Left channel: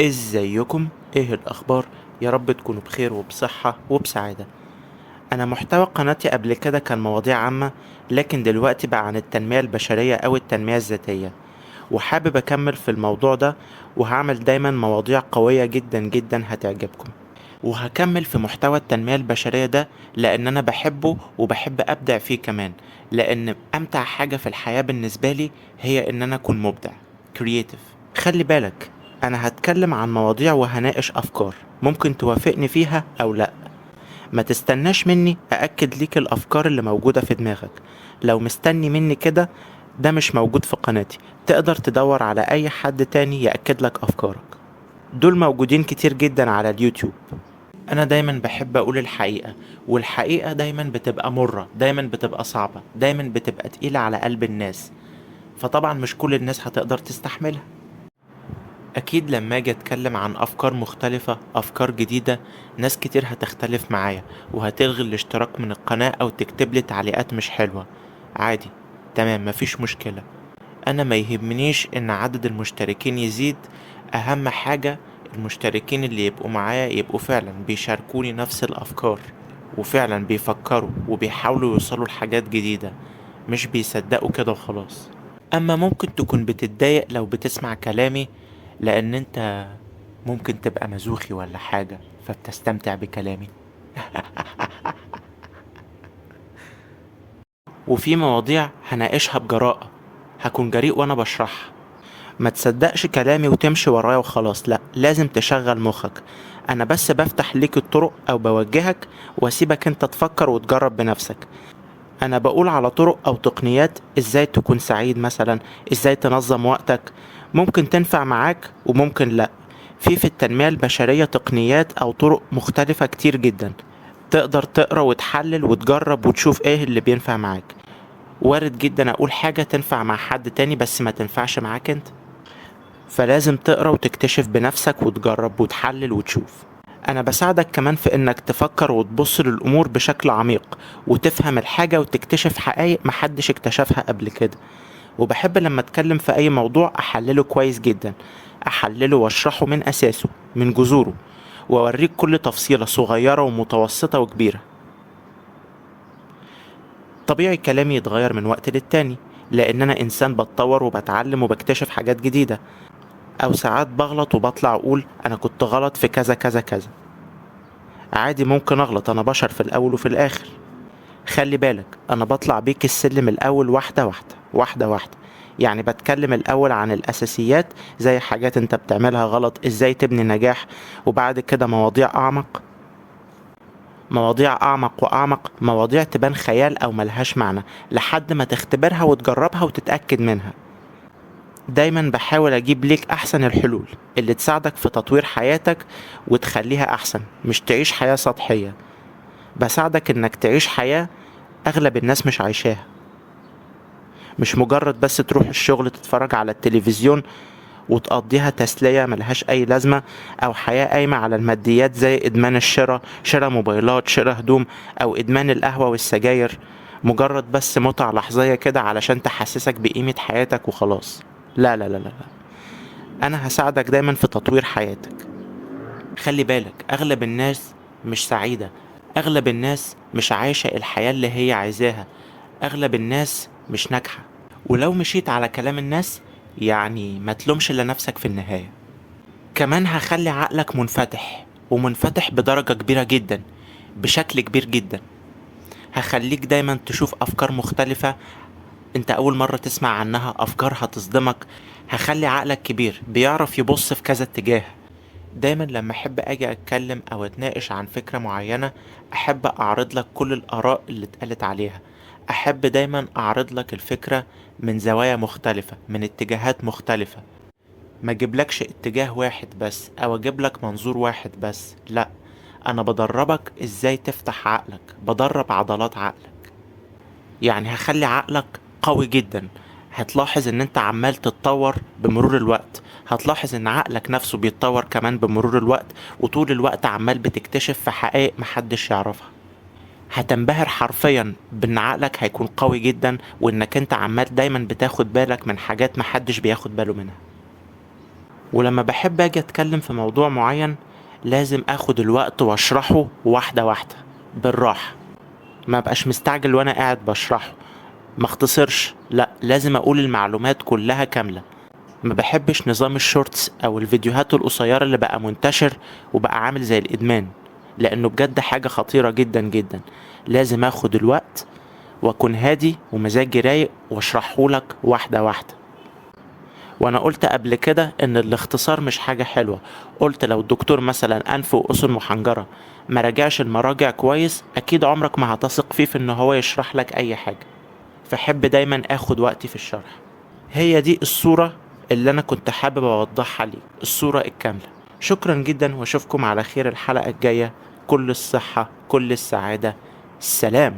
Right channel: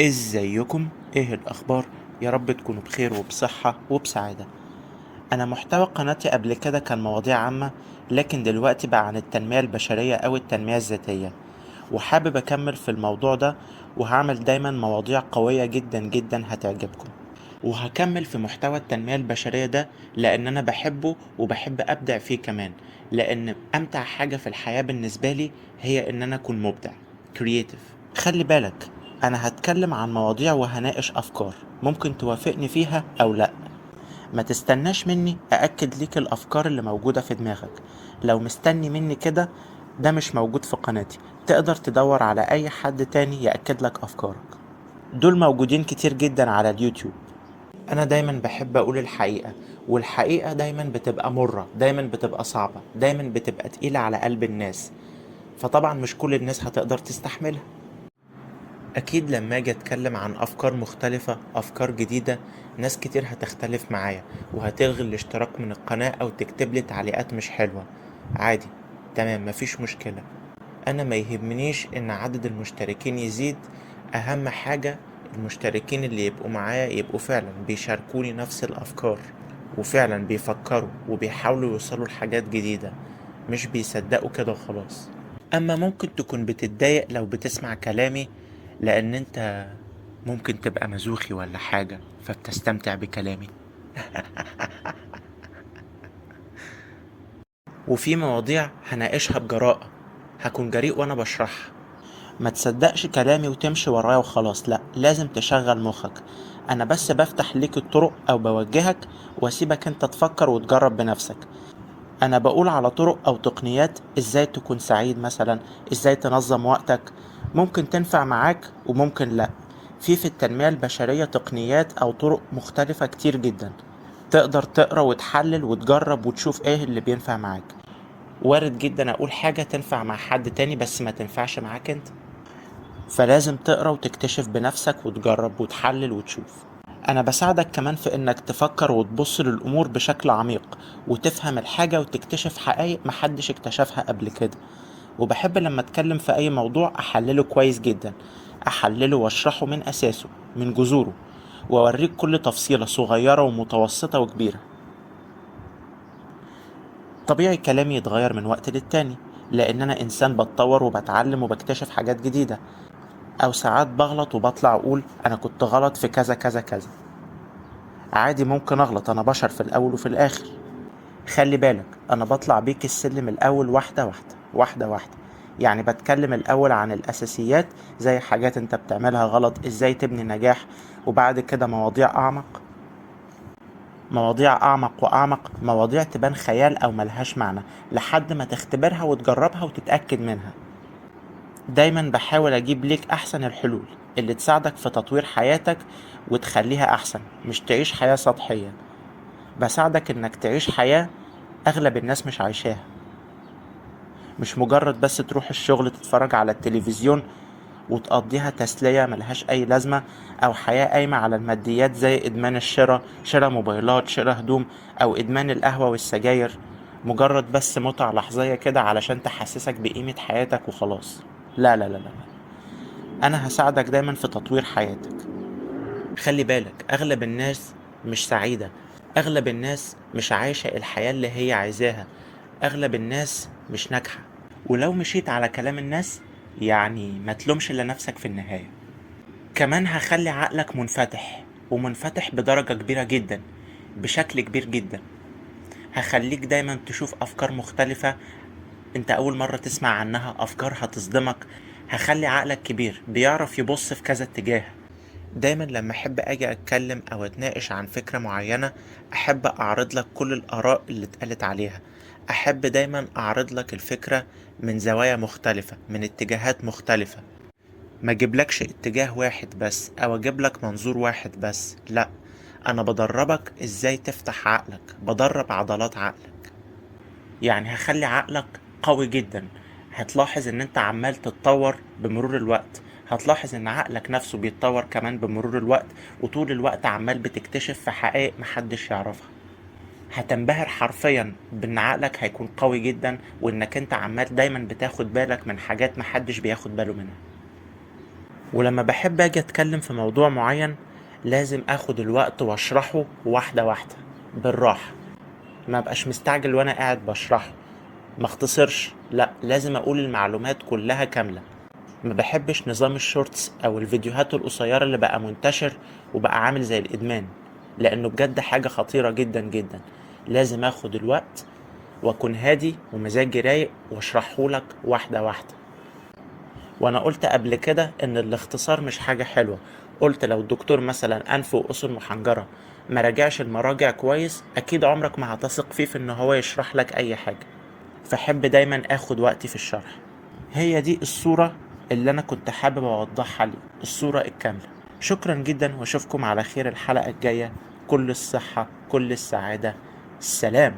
ازيكم؟ ايه الاخبار؟ يا رب تكونوا بخير وبصحة وبسعادة. انا محتوى قناتي قبل كده كان مواضيع عامة، لكن دلوقتي بقى عن التنمية البشرية او التنمية الذاتية، وحابب اكمل في الموضوع ده، وهعمل دايما مواضيع قوية جدا جدا هتعجبكم. وهكمل في محتوى التنمية البشرية ده لان انا بحبه وبحب ابدع فيه كمان، لان امتع حاجة في الحياة بالنسبة لي هي ان انا اكون مبدع، كرييتيف. خلي بالك، انا هتكلم عن مواضيع وهناقش افكار ممكن توافقني فيها او لا. ما تستناش مني أأكد ليك الأفكار اللي موجودة في دماغك. لو مستني مني كده، ده مش موجود في قناتي. تقدر تدور على أي حد تاني يأكد لك أفكارك، دول موجودين كتير جدا على اليوتيوب. أنا دايما بحب أقول الحقيقة، والحقيقة دايما بتبقى مرة، دايما بتبقى صعبة، دايما بتبقى تقيلة على قلب الناس، فطبعا مش كل الناس هتقدر تستحملها. أكيد لما أجي أتكلم عن أفكار مختلفة، أفكار جديدة، ناس كتير هتختلف معايا وهتلغي الاشتراك من القناة أو تكتب لي تعليقات مش حلوة. عادي، تمام، مفيش مشكلة. أنا ما يهمنيش إن عدد المشتركين يزيد، أهم حاجة المشتركين اللي يبقوا معايا يبقوا فعلا بيشاركوني نفس الأفكار، وفعلا بيفكروا وبيحاولوا يوصلوا لحاجات جديدة، مش بيصدقوا كده وخلاص. اما ممكن تكون بتتضايق لو بتسمع كلامي، لان انت ممكن تبقى مزوخي ولا حاجة فبتستمتع بكلامي. وفي مواضيع هناقشها بجراءة، هكون جريء وانا بشرحها. ما تصدقش كلامي وتمشي ورايا وخلاص، لا، لازم تشغل مخك. انا بس بفتح ليك الطرق او بوجهك، واسيبك انت تفكر وتجرب بنفسك. انا بقول على طرق او تقنيات ازاي تكون سعيد مثلا، ازاي تنظم وقتك، ممكن تنفع معاك وممكن لا. في التنمية البشرية تقنيات او طرق مختلفة كتير جدا، تقدر تقرا وتحلل وتجرب وتشوف ايه اللي بينفع معاك. وارد جدا اقول حاجة تنفع مع حد تاني بس ما تنفعش معاك انت، فلازم تقرا وتكتشف بنفسك وتجرب وتحلل وتشوف. انا بساعدك كمان في انك تفكر وتبص للامور بشكل عميق، وتفهم الحاجة وتكتشف حقائق محدش اكتشفها قبل كده. وبحب لما اتكلم في اي موضوع احلله كويس جدا، احلله واشرحه من اساسه، من جذوره، واوريك كل تفصيلة صغيرة ومتوسطة وكبيرة. طبيعي كلامي يتغير من وقت للتاني، لان انا انسان بتطور وبتعلم وبكتشف حاجات جديدة، او ساعات بغلط وبطلع اقول انا كنت غلط في كذا كذا كذا. عادي، ممكن اغلط، انا بشر في الاول وفي الاخر. خلي بالك، انا بطلع بيك السلم الاول واحدة واحدة، واحدة واحدة. يعني بتكلم الاول عن الاساسيات، زي حاجات انت بتعملها غلط ازاي تبني نجاح، وبعد كده مواضيع اعمق، مواضيع اعمق واعمق، مواضيع تبان خيال او ملهاش معنى، لحد ما تختبرها وتجربها وتتأكد منها. دايما بحاول اجيب ليك احسن الحلول اللي تساعدك في تطوير حياتك وتخليها احسن، مش تعيش حياة سطحية. بساعدك انك تعيش حياة اغلب الناس مش عايشاها، مش مجرد بس تروح الشغل تتفرج على التلفزيون وتقضيها تسلية ملهاش اي لازمة، او حياة قايمة على الماديات زي ادمان الشراء، شراء موبايلات، شراء هدوم، او ادمان القهوة والسجاير، مجرد بس متعة لحظية كده علشان تحسسك بقيمة حياتك وخلاص. لا لا لا لا، انا هساعدك دايما في تطوير حياتك. خلي بالك، اغلب الناس مش سعيدة، اغلب الناس مش عايشة الحياة اللي هي عايزاها، اغلب الناس مش ناجحة. ولو مشيت على كلام الناس، يعني ما تلومش الا نفسك في النهاية. كمان هخلي عقلك منفتح، ومنفتح بدرجة كبيرة جدا، بشكل كبير جدا. هخليك دايما تشوف افكار مختلفة انت اول مرة تسمع عنها، افكار هتصدمك. هخلي عقلك كبير بيعرف يبص في كذا اتجاه. دايما لما احب اجي اتكلم او اتناقش عن فكرة معينة، احب اعرض لك كل الاراء اللي اتقالت عليها. احب دايما اعرض لك الفكرة من زوايا مختلفة، من اتجاهات مختلفة. ما اجيبلكش اتجاه واحد بس او اجيبلك منظور واحد بس، لا. انا بدربك ازاي تفتح عقلك، بدرب عضلات عقلك. يعني هخلي عقلك قوي جدا. هتلاحظ ان انت عمال تتطور بمرور الوقت، هتلاحظ ان عقلك نفسه بيتطور كمان بمرور الوقت، وطول الوقت عمال بتكتشف في حقائق محدش يعرفها. هتنبهر حرفيا بان عقلك هيكون قوي جدا، وانك انت عمال دايما بتاخد بالك من حاجات محدش بياخد باله منها. ولما بحب اجي اتكلم في موضوع معين لازم اخد الوقت واشرحه واحدة واحدة بالراحة، ما بقاش مستعجل وانا قاعد بشرحه، ما اختصرش، لا لازم اقول المعلومات كلها كاملة. ما بحبش نظام الشورتس او الفيديوهات القصيرة اللي بقى منتشر وبقى عامل زي الادمان، لانه بجد حاجة خطيرة جدا جدا. لازم اخد الوقت واكون هادي ومزاجي رايق واشرحهولك واحدة واحدة. وانا قلت قبل كده ان الاختصار مش حاجة حلوة. قلت لو الدكتور مثلا انف واذن محنجرة ما راجعش المراجع كويس، اكيد عمرك ما هتثق فيه في ان هو يشرح لك اي حاجة. فحب دايما اخد وقتي في الشرح. هي دي الصورة اللي انا كنت حابب اوضحها لي، الصورة الكاملة. شكرا جدا واشوفكم على خير الحلقة الجاية. كل الصحة، كل السعادة. السلام.